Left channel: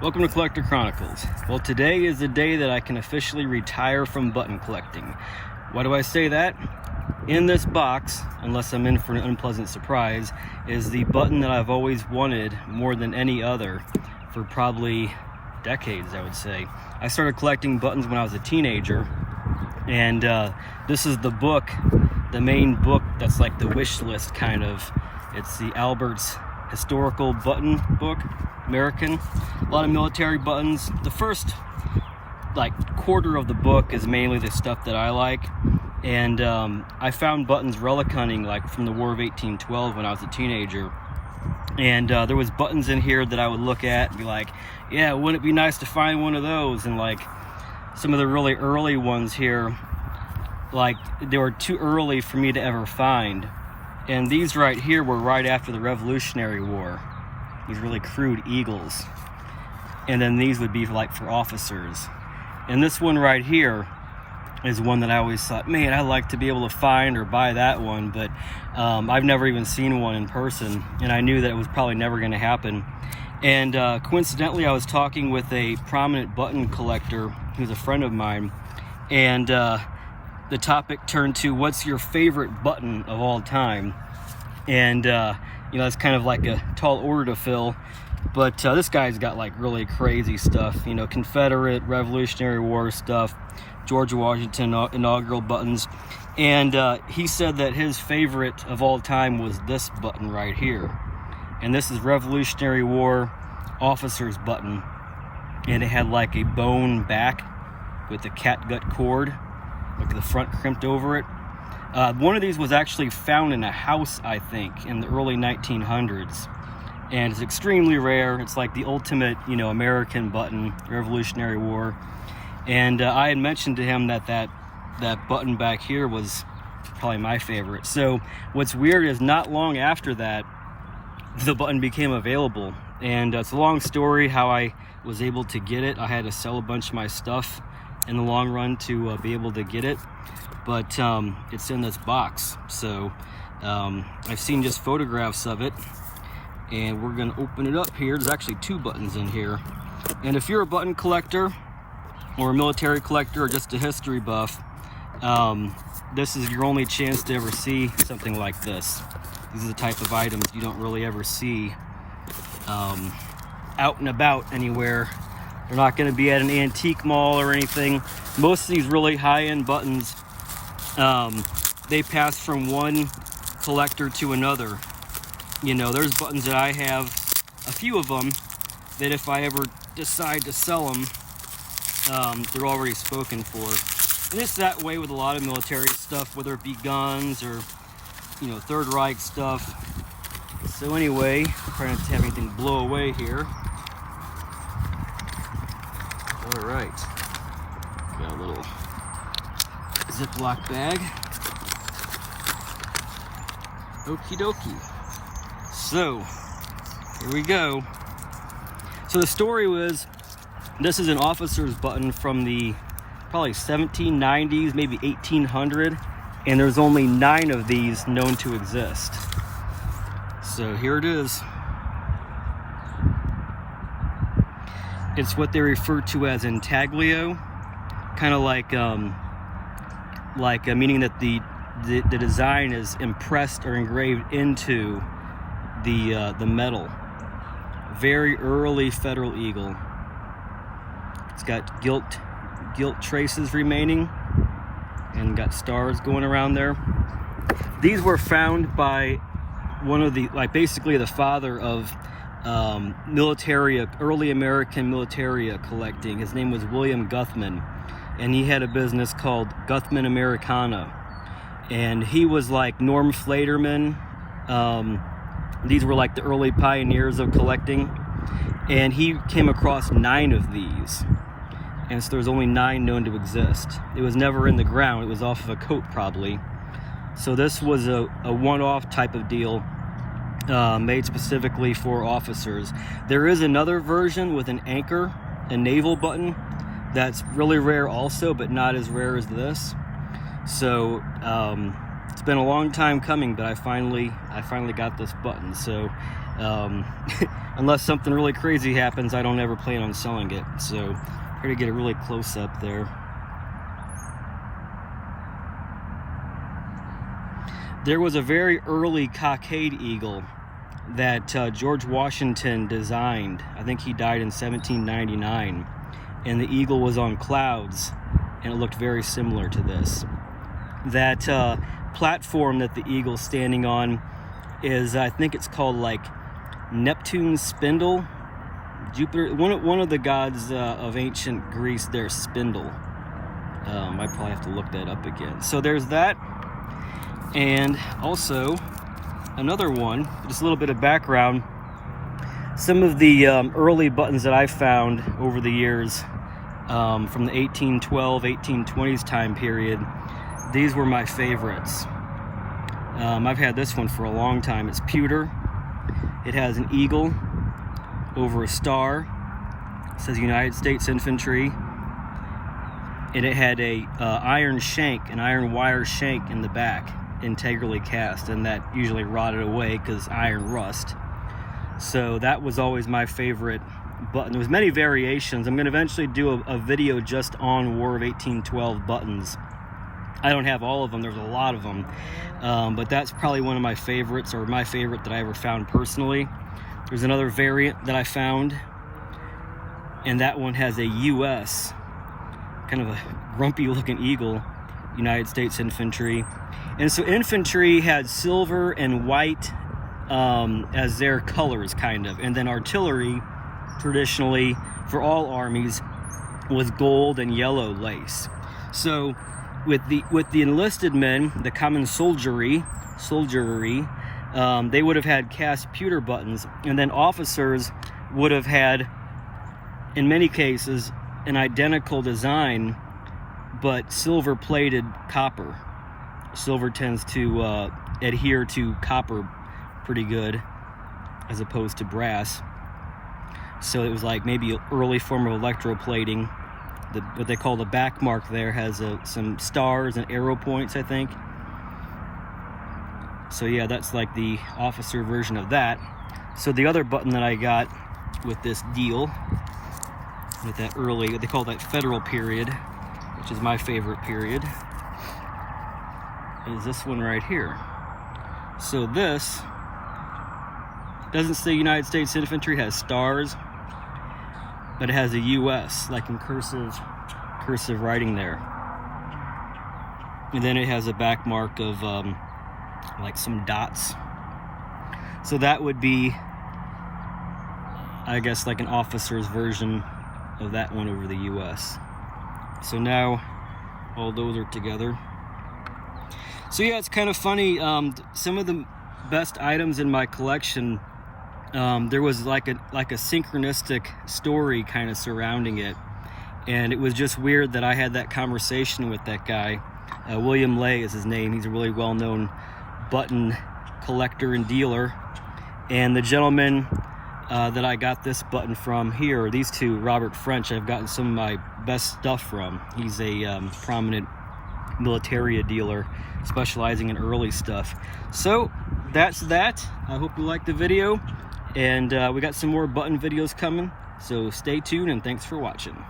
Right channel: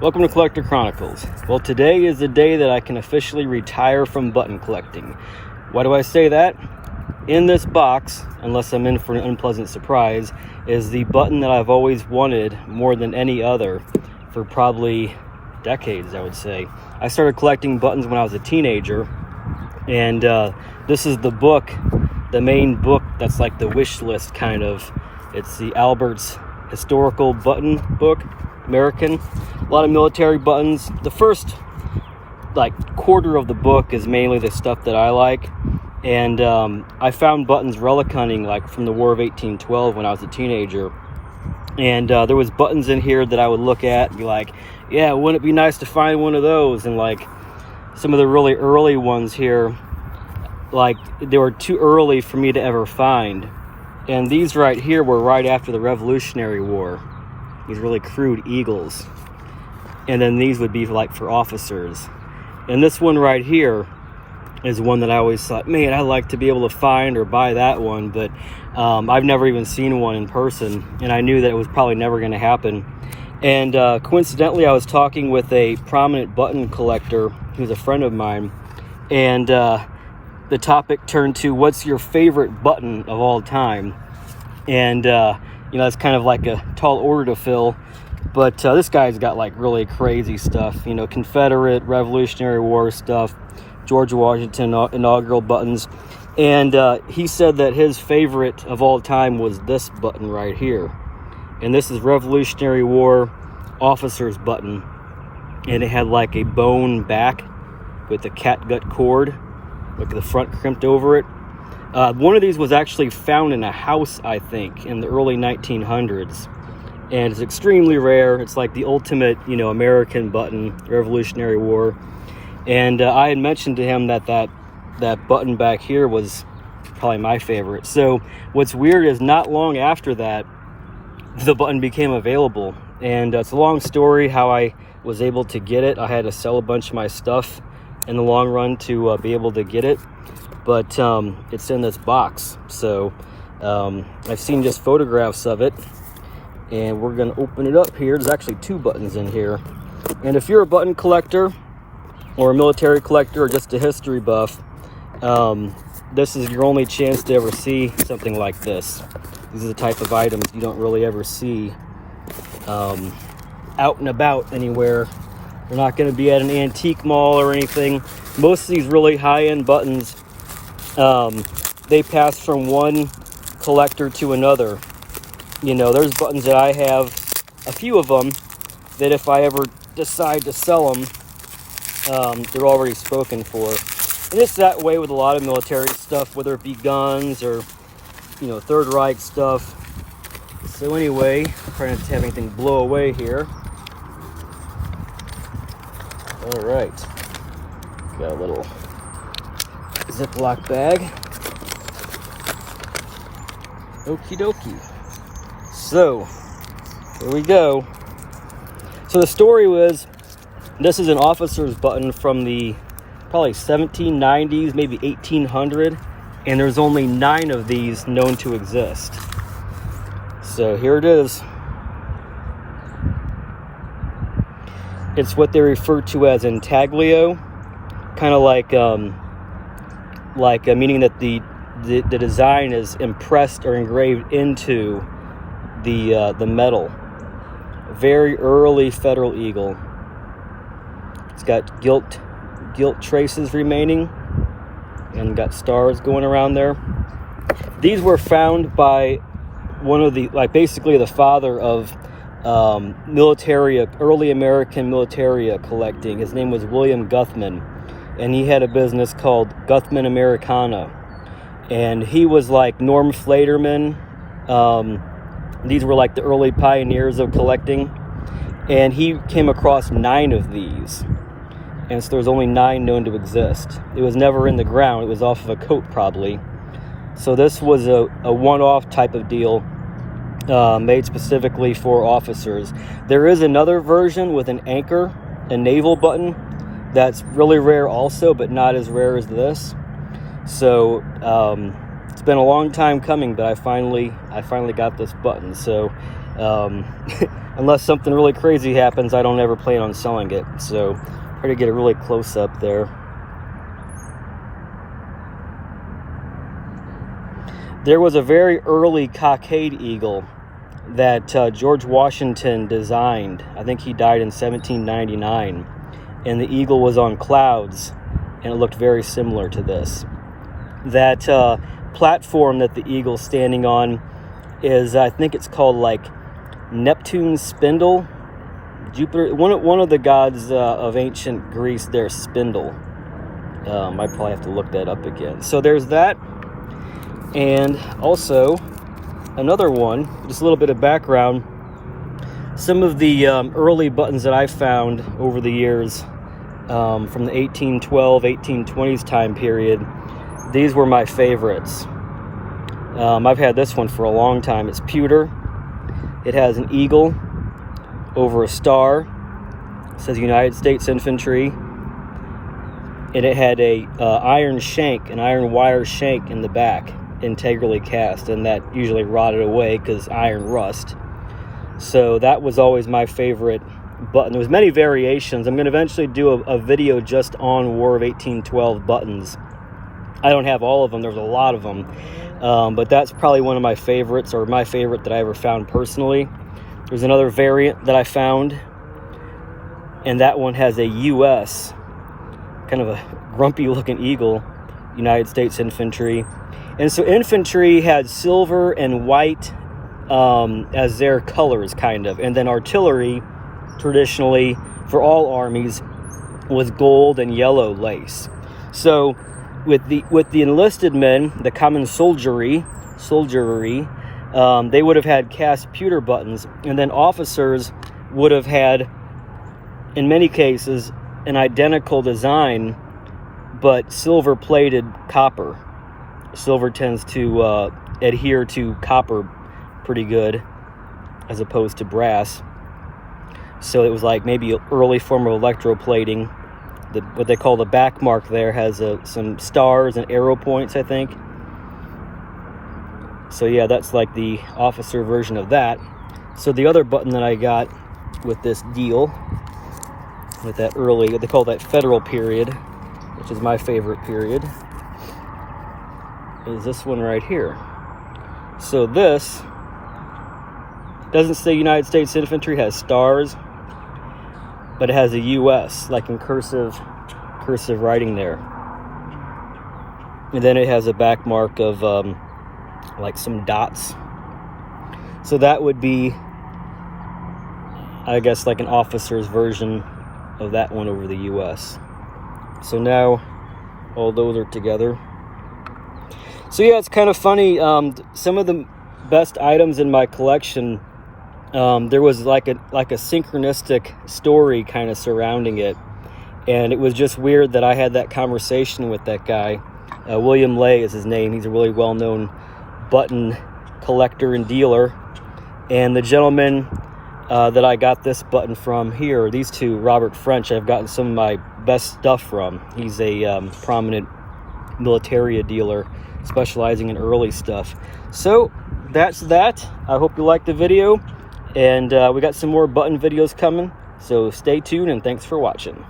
Welcome to Collector Chronicles. Well, today is the day that I can officially retire from button collecting. Why do I say that? In this box, unless I'm in for an unpleasant surprise, is the button that I've always wanted more than any other for probably decades, I would say. I started collecting buttons when I was a teenager, and this is the book, the main book that's like the wish list kind of. It's the Albert's historical button book, American. A lot of military buttons. The first quarter of the book is mainly the stuff that I like, and I found buttons relic hunting from the War of 1812 when I was a teenager, and there was buttons in here that I would look at and be like, yeah, wouldn't it be nice to find one of those? And some of the really early ones here, they were too early for me to ever find. And these right here were right after the Revolutionary War. These really crude eagles. And then these would be for officers. And this one right here is one that I always thought, man, I'd like to be able to find or buy that one, but I've never even seen one in person, and I knew that it was probably never going to happen. And coincidentally, I was talking with a prominent button collector who's a friend of mine, and the topic turned to, what's your favorite button of all time? And that's kind of like a tall order to fill, but this guy's got really crazy stuff, Confederate, Revolutionary War stuff, George Washington inaugural buttons. And he said that his favorite of all time was this button right here. And this is Revolutionary War officer's button, and it had a bone back with a catgut cord, the front crimped over it. One of these was actually found in a house, I think, in the early 1900s, and it's extremely rare. It's like the ultimate, American button, Revolutionary War. And I had mentioned to him that button back here was probably my favorite. So what's weird is not long after that, the button became available, and it's a long story how I was able to get it. I had to sell a bunch of my stuff in the long run to be able to get it, but it's in this box. So I've seen just photographs of it, and we're gonna open it up here. There's actually two buttons in here, and if you're a button collector or a military collector or just a history buff, this is your only chance to ever see something like this. These are the type of items you don't really ever see out and about anywhere. They're not going to be at an antique mall or anything. Most of these really high-end buttons, they pass from one collector to another. There's buttons that I have, a few of them, that if I ever decide to sell them, they're already spoken for. And it's that way with a lot of military stuff, whether it be guns or Third Reich stuff. So anyway, trying not to have anything blow away here. All right, got a little Ziploc bag. Okie dokie. So here we go. So the story was, this is an officer's button from the probably 1790s, maybe 1800, and there's only 9 of these known to exist. So here it is. It's what they refer to as intaglio, kind of meaning that the design is impressed or engraved into the metal. Very early Federal eagle. It's got gilt traces remaining, and got stars going around there. These were found by one of the, basically the father of militaria, early American militaria collecting. His name was William Guthman, and he had a business called Guthman Americana, and he was like Norm Flaterman. These were the early pioneers of collecting, and he came across 9 of these. And so there's only 9 known to exist. It was never in the ground. It was off of a coat, probably. So this was a one-off type of deal, made specifically for officers. There is another version with an anchor, a naval button, that's really rare also, but not as rare as this. So it's been a long time coming, but I finally got this button. So Unless something really crazy happens, I don't ever plan on selling it. So try to get a really close up there. There was a very early cockade eagle that George Washington designed. I think he died in 1799, and the eagle was on clouds, and it looked very similar to this. That platform that the eagle's standing on is, I think it's called like Neptune's spindle. Jupiter, one of the gods of ancient Greece, their spindle. I probably have to look that up again. So there's that, and also another one. Just a little bit of background. Some of the early buttons that I found over the years, from the 1812, 1820s time period, these were my favorites. I've had this one for a long time. It's pewter. It has an eagle over a star. It says United States Infantry. And it had a iron shank, an iron wire shank in the back, integrally cast, and that usually rotted away because iron rust. So that was always my favorite button. There was many variations. I'm going to eventually do a video just on War of 1812 buttons. I don't have all of them. There's a lot of them. But that's probably one of my favorites, or my favorite that I ever found personally. There's another variant that I found, and that one has a US, kind of a grumpy looking eagle, United States Infantry. And so infantry had silver and white as their colors, kind of. And then artillery, traditionally, for all armies, was gold and yellow lace. So with the enlisted men, the common soldiery, they would have had cast pewter buttons, and then officers would have had, in many cases, an identical design, but silver plated copper. Silver tends to adhere to copper pretty good as opposed to brass. So it was like maybe an early form of electroplating. What they call the back mark there has some stars and arrow points, I think. So yeah, that's like the officer version of that. So the other button that I got with this deal, with that early, they call that Federal period, which is my favorite period, is this one right here. So this doesn't say United States Infantry, has stars, but it has a US, like in cursive writing there. And then it has a back mark of like some dots. So that would be, I guess, like an officer's version of that one over the US. So now all those are together. So yeah, it's kind of funny. Some of the best items in my collection, there was like a synchronistic story kind of surrounding it, and it was just weird that I had that conversation with that guy. William Lay is his name. He's a really well-known button collector and dealer, and the gentleman that I got this button from here, these two, Robert French, I've gotten some of my best stuff from. He's a prominent militaria dealer specializing in early stuff. So that's that. I hope you liked the video, and we got some more button videos coming, so stay tuned and thanks for watching.